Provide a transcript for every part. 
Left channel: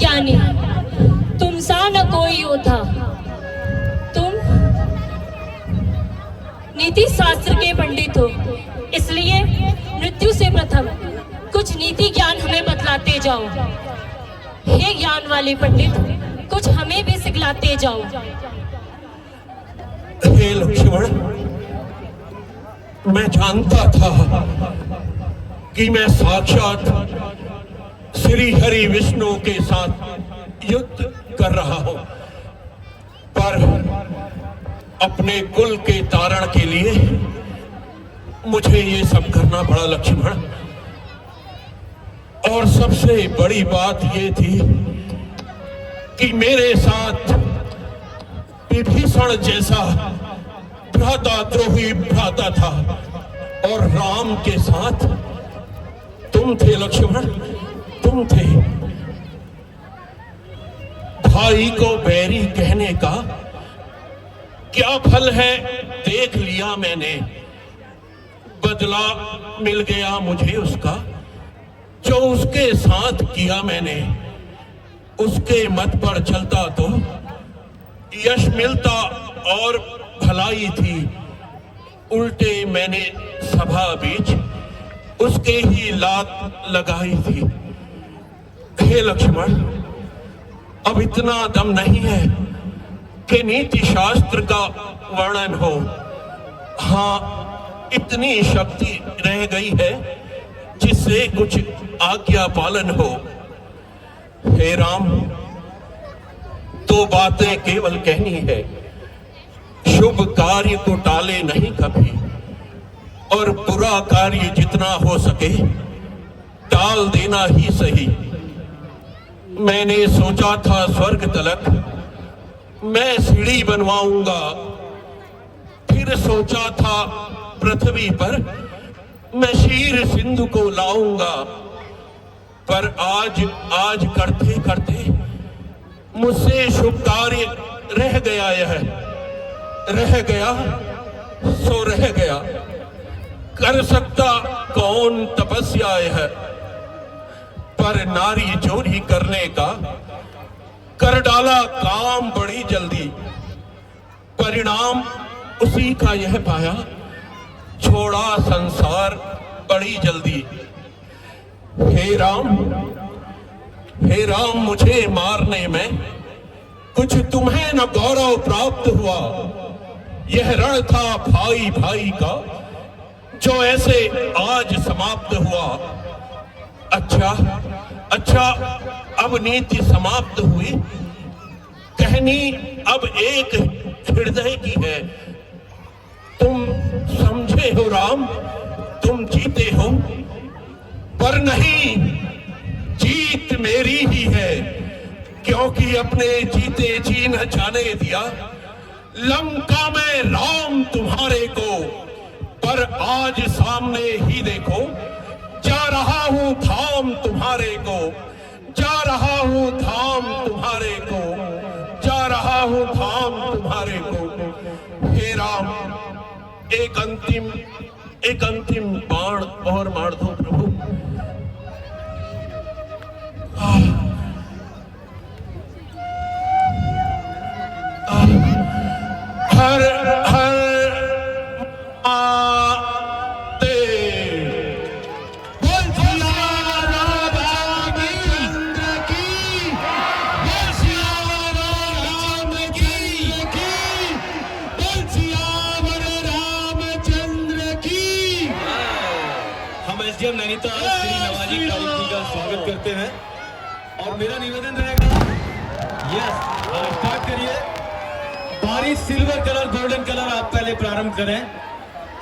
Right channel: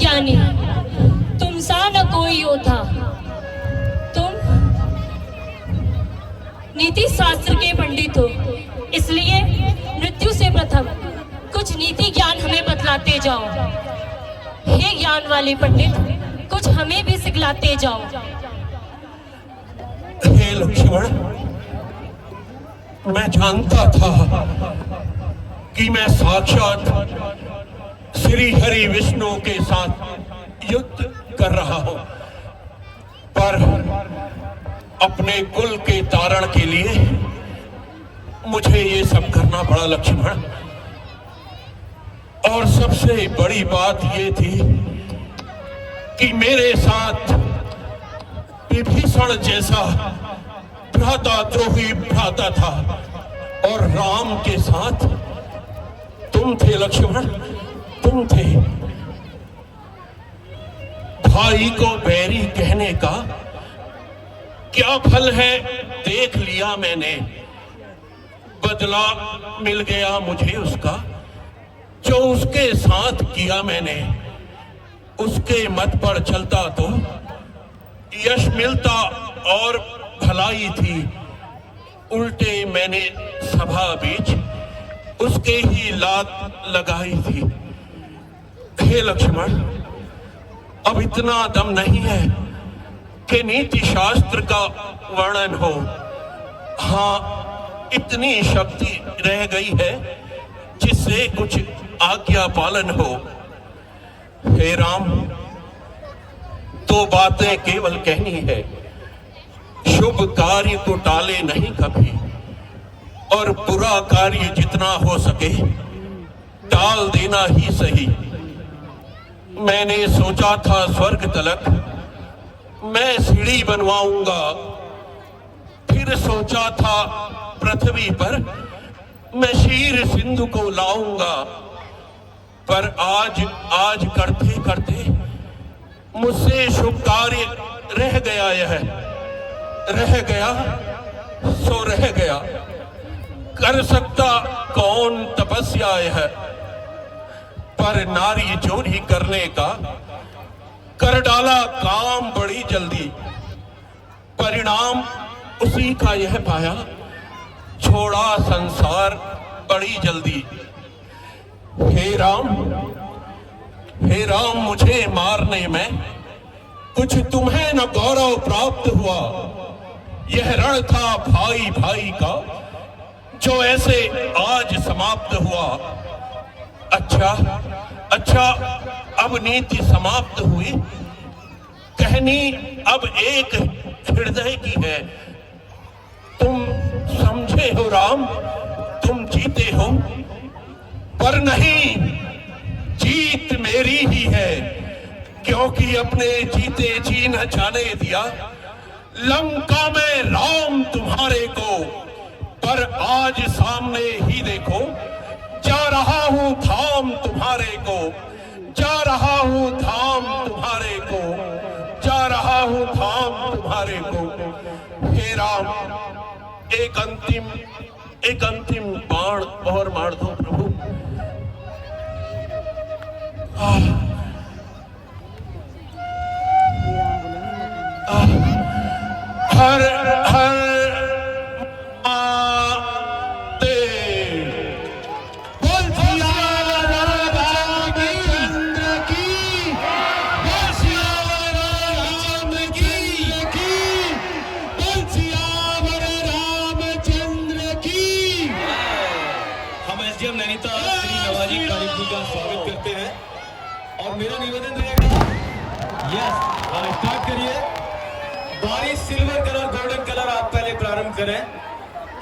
ज्ञानी, तुम सा न कोई योद्धा। तुम नीति शास्त्र के पंडित हो, इसलिए मृत्यु से प्रथम कुछ नीति ज्ञान हमें बतलाते जाओ। हे ज्ञान वाले पंडित, कुछ हमें भी सिखलाते जाओ। हे लक्ष्मण, मैं जानता था कि मैं साक्षात श्री हरि विष्णु के साथ युद्ध कर रहा हूं, पर अपने कुल के तारण के लिए मुझे ये सब करना पड़ा लक्ष्मण। और सबसे बड़ी बात ये थी कि मेरे साथ विभीषण जैसा भ्राताद्रोही भ्राता था और राम के साथ तुम थे लक्ष्मण, तुम थे। भाई को बैरी कहने का क्या फल है देख लिया मैंने। बदला मिल गया मुझे उसका, जो उसके साथ किया मैंने। उसके मत पर चलता तो यश मिलता और भलाई थी। उल्टे मैंने सभा बीच उसके ही लात लगाई थी। हे लक्ष्मण, अब इतना दम नहीं है कि नीति शास्त्र का वर्णन हो। हाँ, इतनी शक्ति रह गई है जिससे कुछ आज्ञा पालन हो। हे राम, दो बातें केवल कहनी है। शुभ कार्य को टाले नहीं कभी, और बुरा कार्य जितना हो सके टाल देना ही सही। मैंने सोचा था स्वर्ग तलक मैं सीढ़ी बनवाऊंगा, फिर सोचा था पृथ्वी पर मैं क्षीर सिंधु को लाऊंगा। पर आज करते करते मुझसे शुभ कार्य रह गया। यह रह गया सो रह गया। कर सकता कौन तपस्या है, पर नारी चोरी करने का कर डाला काम बड़ी जल्दी। परिणाम उसी का यह पाया, छोड़ा संसार बड़ी जल्दी। हे राम, हे राम, मुझे मारने में कुछ तुम्हें न गौरव प्राप्त हुआ। यह रण था भाई भाई का, जो ऐसे आज समाप्त हुआ। अच्छा, अब नीति समाप्त हुई। कहनी अब एक हृदय की है। तुम समझे हो राम, तुम जीते हो, पर नहीं, जीत मेरी ही है। क्योंकि अपने जीते जी न जाने दिया लंका में राम तुम्हारे को। पर आज सामने ही देखो, जा रहा हूं धाम तुम्हारे को, जा रहा हूं धाम तुम्हारे को, जा रहा हूं धाम तुम्हारे को। हे राम, एक अंतिम बाण और मार दो प्रभु। हर हर एसडीएम नैनीताल श्री नवाजी तारिक जी का स्वागत करते हैं। और मेरा निवेदन रहेगा, यस, आप स्टार्ट करिए। बारिश सिल्वर कलर, गोल्डन कलर आप पहले प्रारंभ करें।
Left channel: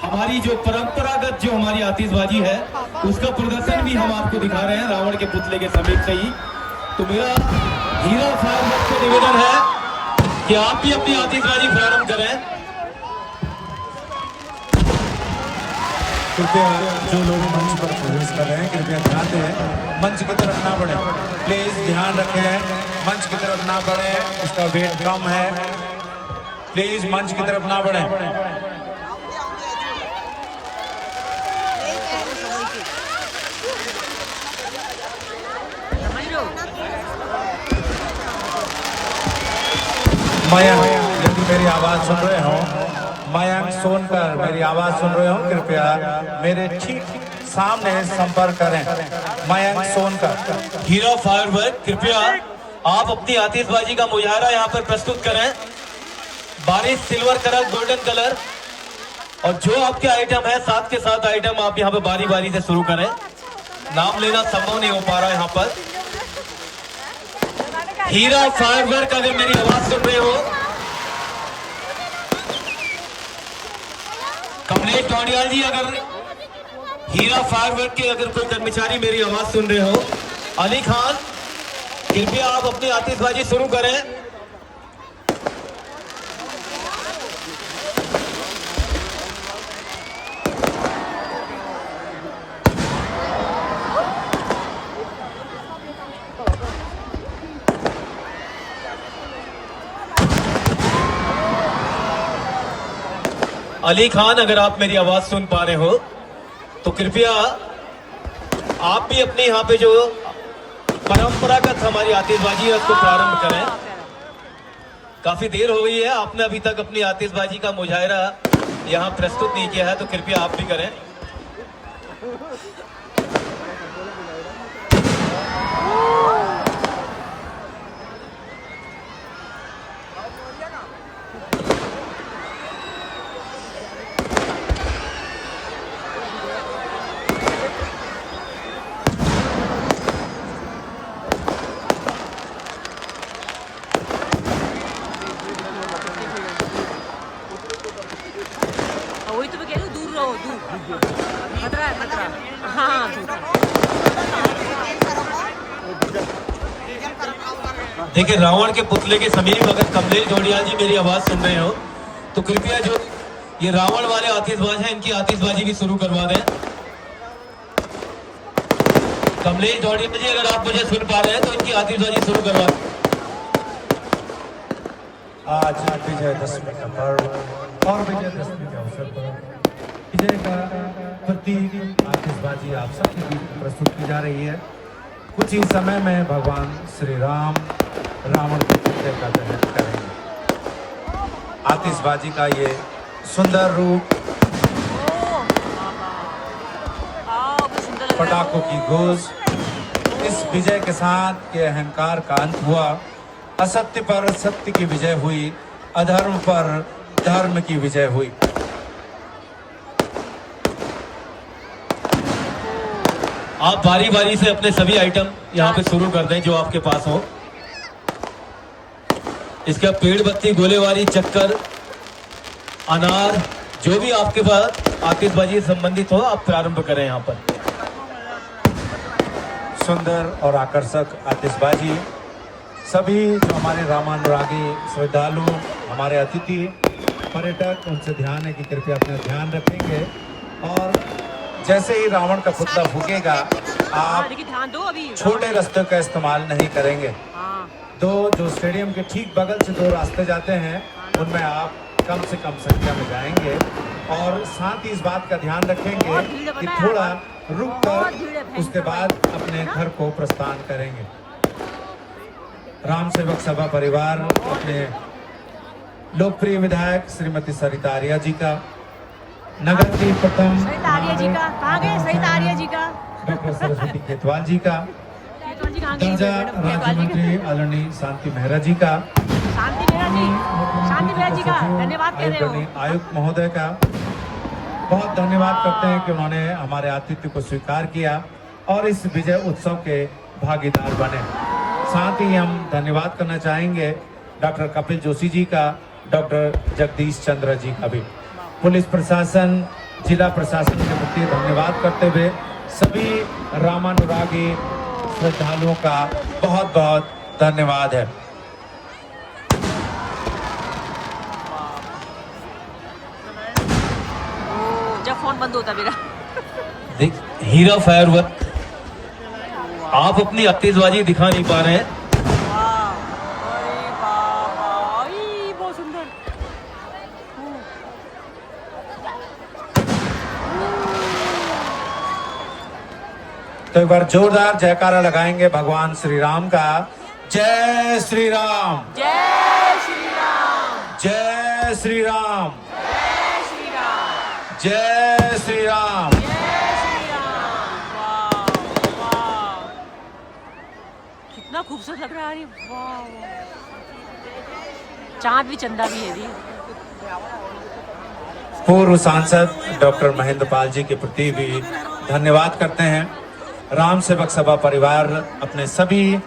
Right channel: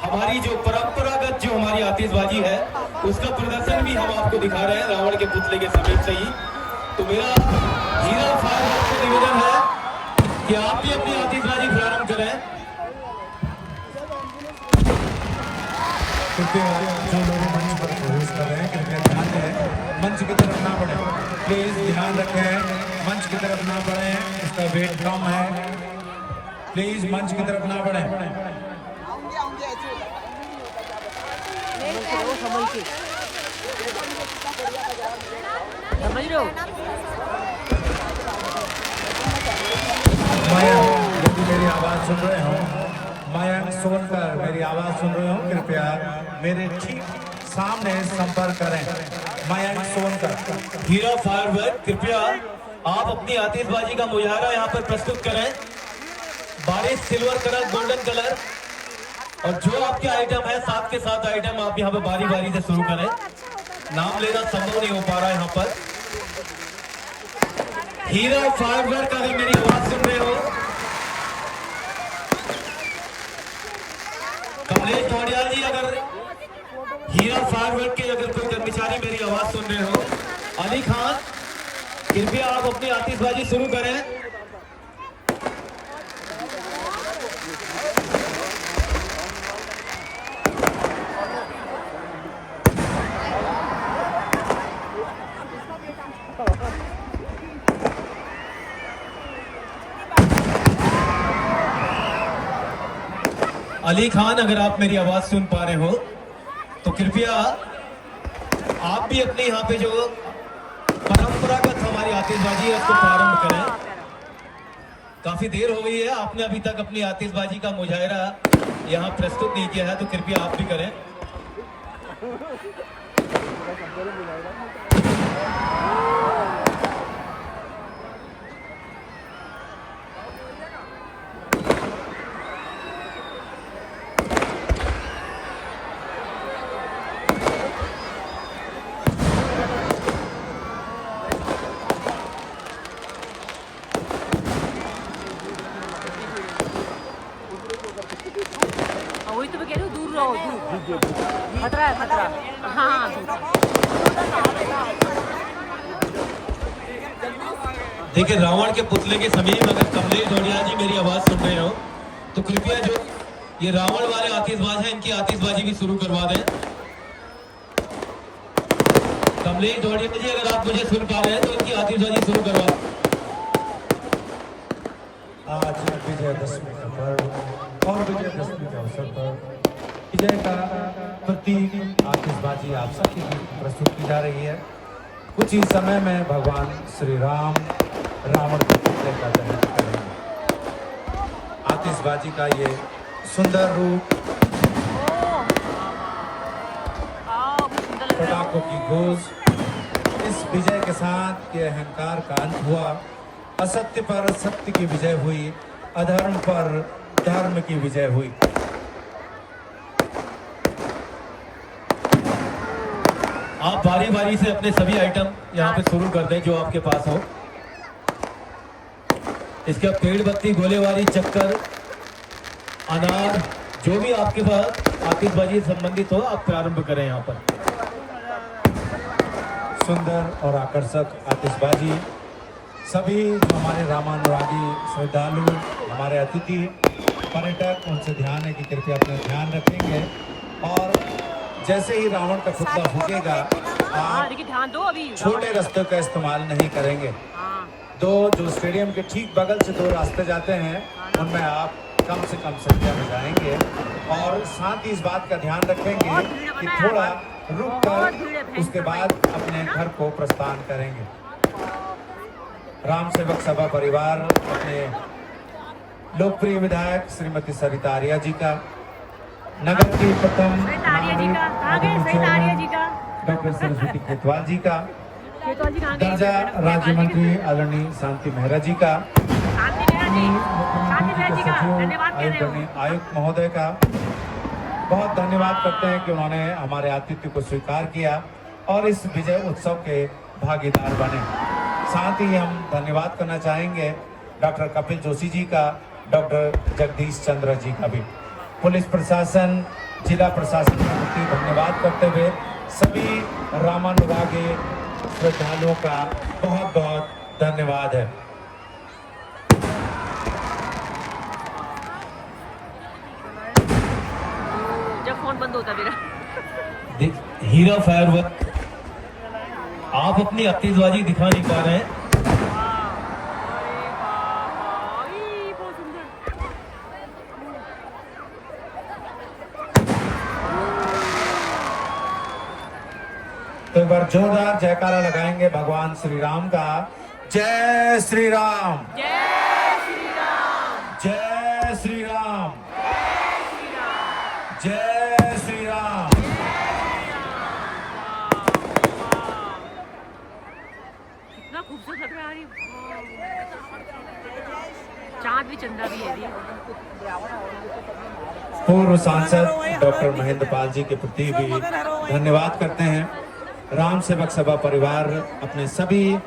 हमारी जो परंपरागत जो हमारी आतिशबाजी है उसका प्रदर्शन भी हम आपको दिखा रहे हैं रावण के पुतले के समीप से ही। तो मेरा हीरा फार्म से निवेदन है कि आप भी अपनी आतिशबाजी प्रारंभ करें। जो लोग मंच पर प्रवेश कर रहे हैं कृपया ध्यान दें, मंच की तरफ ना बढ़े। प्लीज ध्यान रखें, मंच की तरफ ना बढ़े, इसका वेट कम है। प्लीज मंच की तरफ ना बढ़े। समझ लो मयंक, यदि मेरी आवाज सुन रहे हो, मयंक सोनकर मेरी आवाज सुन रहे हो, कृपया मेरे ठीक सामने संपर्क करें। मयंक सोनकर। हीरो फायरवर्क, कृपया आप अपनी आतिशबाजी का मुजाहरा यहाँ पर प्रस्तुत करें। बारिश सिल्वर कलर, गोल्डन कलर, और जो आपके आइटम है 7 के 7 आइटम आप यहाँ पे बारी बारी से शुरू करें। नाम लेना संभव नहीं हो पा रहा है यहाँ पर। हीरा फायरवर्क, अगर मेरी आवाज सुन रहे हो, कमलेश ढोंडियाल जी, अगर हीरा फायरवर्क के अगर कोई कर्मचारी मेरी आवाज सुन रहे हो, अली खान, कृपया आप अपनी आतिशबाजी शुरू करें। अली खान, अगर आप मेरी आवाज सुन पा रहे हो तो कृपया आप भी अपने यहाँ पे जो परंपरागत हमारी आतिशबाजी है उसको प्रारंभ करें। काफी देर हो गई है, आपने अभी तक अपनी आतिशबाजी का मुजाहरा यहाँ प्रस्तुत नहीं किया है, तो कृपया आप भी करें। वही तो मैं कह रही हूँ, दूर रहो, दूर। खतरा है, खतरा। हाँ, दूर। देखिए, रावण के पुतले के समीप अगर कमलेश ढोंडियाल जी मेरी आवाज सुन रहे हो तो कृपया जो ये रावण वाले आतिशबाज हैं, इनकी आतिशबाजी भी शुरू करवा दें। कमलेश ढोंडियाल जी, अगर आप मुझे सुन पा रहे हैं तो इनकी आतिशबाजी शुरू करवा दें। आज विजयदशमी का पर्व और विजयदशमी के अवसर पर विजय का प्रतीक आतिशबाजी आप सबके बीच प्रस्तुत की जा रही है। कुछ ही समय में भगवान श्री राम रावण के पुतले का दहन करेंगे। आतिशबाजी का ये सुंदर रूप, पटाखों की गूंज, इस विजय के साथ ये अहंकार का अंत हुआ। असत्य पर सत्य की विजय हुई, अधर्म पर धर्म की विजय हुई। आप बारी बारी से अपने सभी आइटम यहाँ पे शुरू कर दें जो आपके पास हो। इसका पेड़ बत्ती, गोलेबारी, चक्कर, अनार, जो भी आपके पास आतिशबाजी से संबंधित हो, आप प्रारंभ करें यहाँ पर। सुंदर और आकर्षक आतिशबाजी, सभी जो हमारे रामानुरागी श्रद्धालु, हमारे अतिथि पर्यटक, उनसे ध्यान है कि कृपया अपना ध्यान रखेंगे। और जैसे ही रावण का पुतला फूकेगा, आप देखिए, ध्यान दो। अभी छोटे रास्ते का इस्तेमाल नहीं करेंगे। दो जो स्टेडियम के ठीक बगल से 2 रास्ते जाते हैं, उनमें आप कम से कम संख्या में जाएंगे। और साथ ही इस बात का ध्यान रखेंगे कि थोड़ा रुक कर उसके बाद अपने घर को प्रस्थान करेंगे। राम सेवक सभा परिवार के लोकप्रिय विधायक श्रीमती सरिता आर्या जी का, नगर के प्रथम सरिता आर्या जी का कहाँ गए? सरिता आर्या जी का, डॉक्टर सरस्वती केतवाल जी का, केतवाल जी कहाँ गए? दर्जा राज्य मंत्री आलोनी शांति मेहरा जी का, शांति मेहरा जी का धन्यवाद कह रहे हो। आयुक्त महोदय का बहुत धन्यवाद करते हैं कि उन्होंने हमारे आतिथ्य को स्वीकार किया और इस विजय उत्सव के भागीदार बने। साथ ही हम धन्यवाद करना चाहेंगे डॉक्टर कपिल जोशी जी का, डॉक्टर जगदीश चंद्र जी का भी। पुलिस प्रशासन, जिला प्रशासन के प्रति धन्यवाद करते हुए सभी रामानुरागी श्रद्धालुओं का बहुत बहुत धन्यवाद है। जब फोन बंद होता मेरा। देख, हीरा फायरवर्क, आप अपनी आतिशबाजी दिखा नहीं पा रहे हैं। अरे बाबा, बहुत सुंदर। तो एक बार जोरदार जयकारा लगाएंगे भगवान श्री राम का, जय श्री राम, जय श्री राम, जय श्री राम, जय श्री राम, जय श्री राम। जय श्री राम। वाह वाह, कितना खूबसूरत लग रहा है। वाह, चांद भी चंदा भी है जी। पूर्व सांसद डॉक्टर महेंद्र पाल जी के प्रति भी धन्यवाद करते हैं। राम सेवक सभा परिवार अपने सभी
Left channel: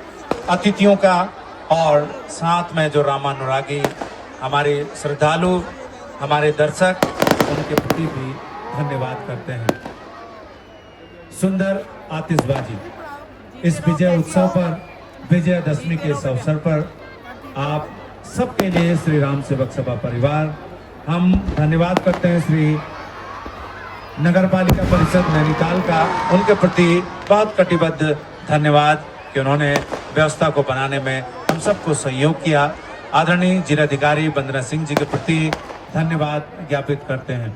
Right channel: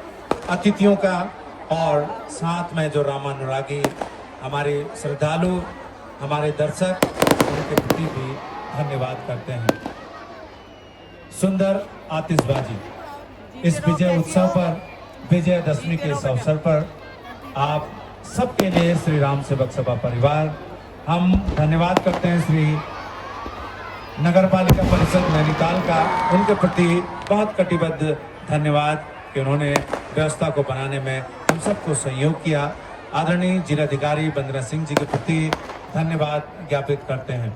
अतिथियों का और साथ में जो रामानुरागी हमारे श्रद्धालु, हमारे दर्शक, उनके प्रति भी धन्यवाद करते हैं। सुंदर आतिशबाजी इस विजय उत्सव पर, विजयदशमी के इस अवसर पर आप सबके लिए श्री राम सेवक सभा परिवार हम धन्यवाद करते हैं। श्री नगर पालिका परिषद नैनीताल का उनके प्रति बहुत कटिबद्ध धन्यवाद कि उन्होंने व्यवस्था को बनाने में हम सबको सहयोग किया। आदरणीय जिलाधिकारी वंदना सिंह जी के प्रति धन्यवाद ज्ञापित करते हैं।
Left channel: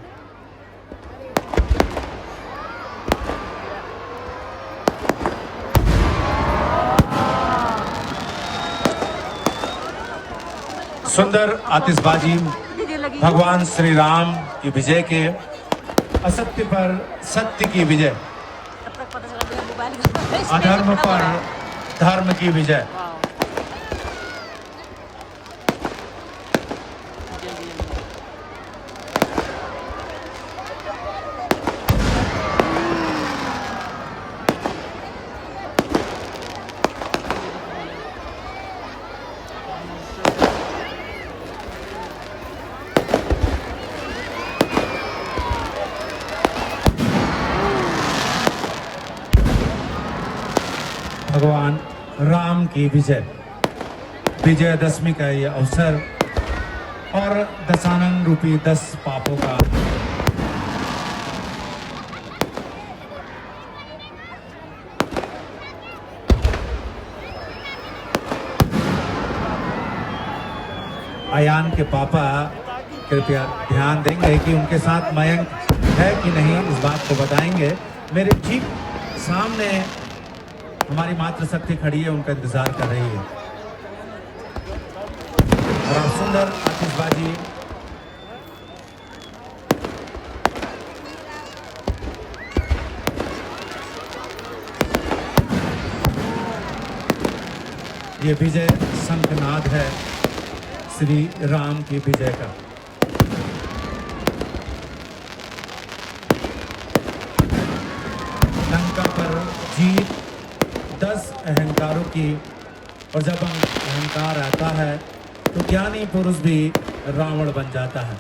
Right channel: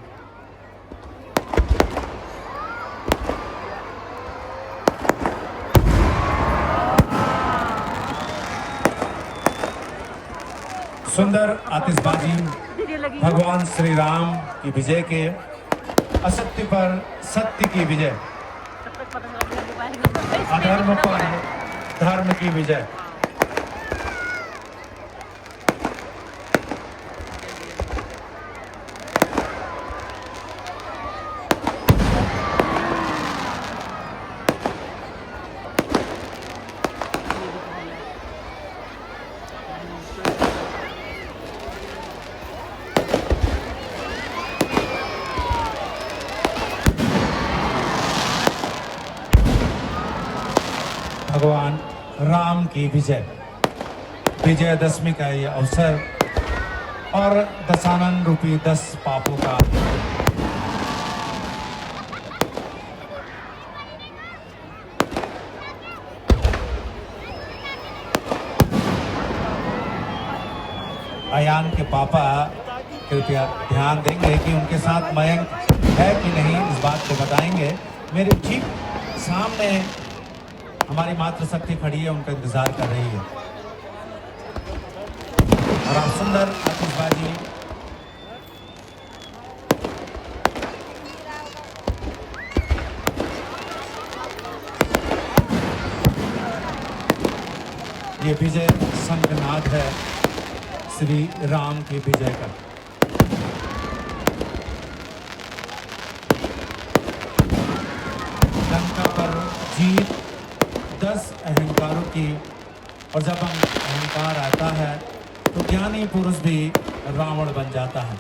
सुंदर आतिशबाजी भगवान श्री राम की विजय के, असत्य पर सत्य की विजय, तब तक पता चला मेरा मोबाइल का अधर्म पर धर्म की विजय। भगवान राम की विजय, विजयदशमी का यह अवसर और दशानन रूपी 10 पापों का अयान के पापा कृपया ध्यान देंगे कि उनके साथ मयंक है कि नहीं, इस बात को बताएंगे। मेरे ठीक सामने हमारी मातृशक्ति खड़ी है, उनका इंतजार कर रही है। और सुंदर आतिशबाजी ये विजय शंखनाद है श्री राम की विजय का। लंका पर जीत 10 अहंकारों की, और जब अहंकार आता है तो ज्ञानी पुरुष भी रावण बन जाता है।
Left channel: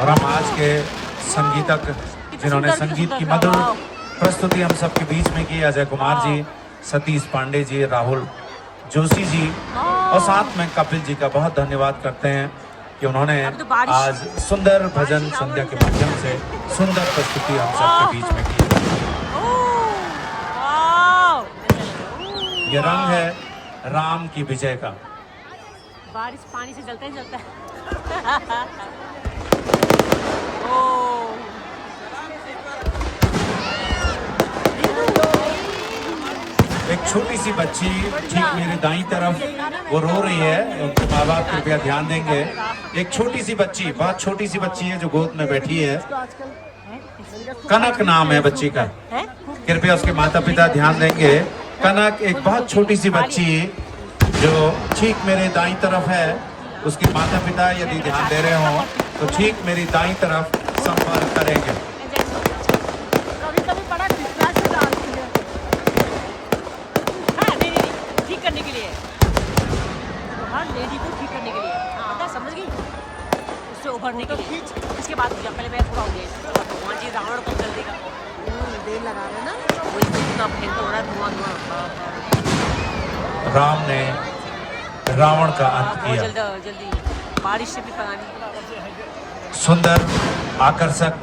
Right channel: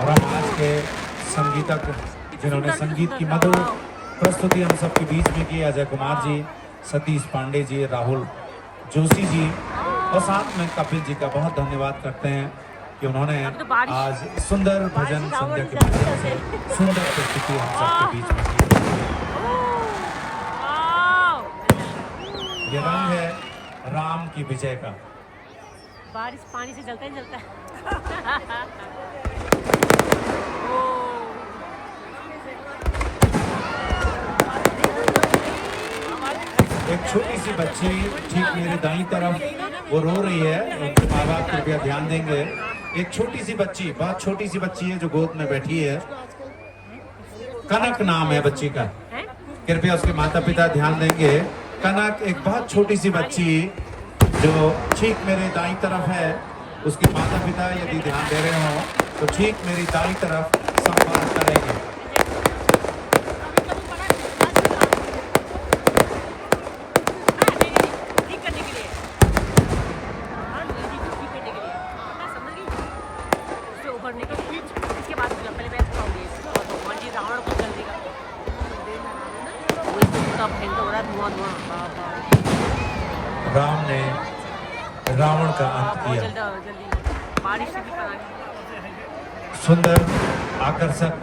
और हम आज के संगीतक जिन्होंने संगीत की मधुर प्रस्तुति हम सबके बीच में की, अजय कुमार जी, सतीश पांडे जी, राहुल जोशी जी, और साथ में कपिल जी का बहुत धन्यवाद करते हैं कि उन्होंने आज सुंदर भजन संध्या के माध्यम से सुंदर प्रस्तुति हम सबके बीच में की। ये रंग है राम की विजय का। बारिश पानी से जलता ही जलता है। एक छोटी सी बच्ची ठीक मेरे दाईं तरफ वो रो रही है, उनके माँ बाप कृपया ध्यान देंगे। एक छोटी सी बच्ची, बहुत छोटी सी बच्ची है जो गोद में बैठी है, कनक नाम है बच्ची का, कृपया उसके माता पिता ध्यान देंगे। कनक एक बहुत छोटी सी बच्ची जो ठीक मेरे दाईं तरफ है, उसके माता पिता यदि ध्यान दे रहे हो तो ठीक मेरी दाईं तरफ संपर्क करेंगे। ठीक करने के लिए, हाँ लेडी को ठीक करने के लिए, पता समझ गई, उससे उभरने के लिए। इसके बाद पहले मैं पूरा हो गया और भगवान जी रावण कब जल देगा, बेल लगा लो ना, वही तो पूरा भयंकर हो रहा है, धुआं धुआं। राम ने रावण का अंत बहुत किया। जल्दी बारिश से भी पता नहीं। सुंदर आकर्षक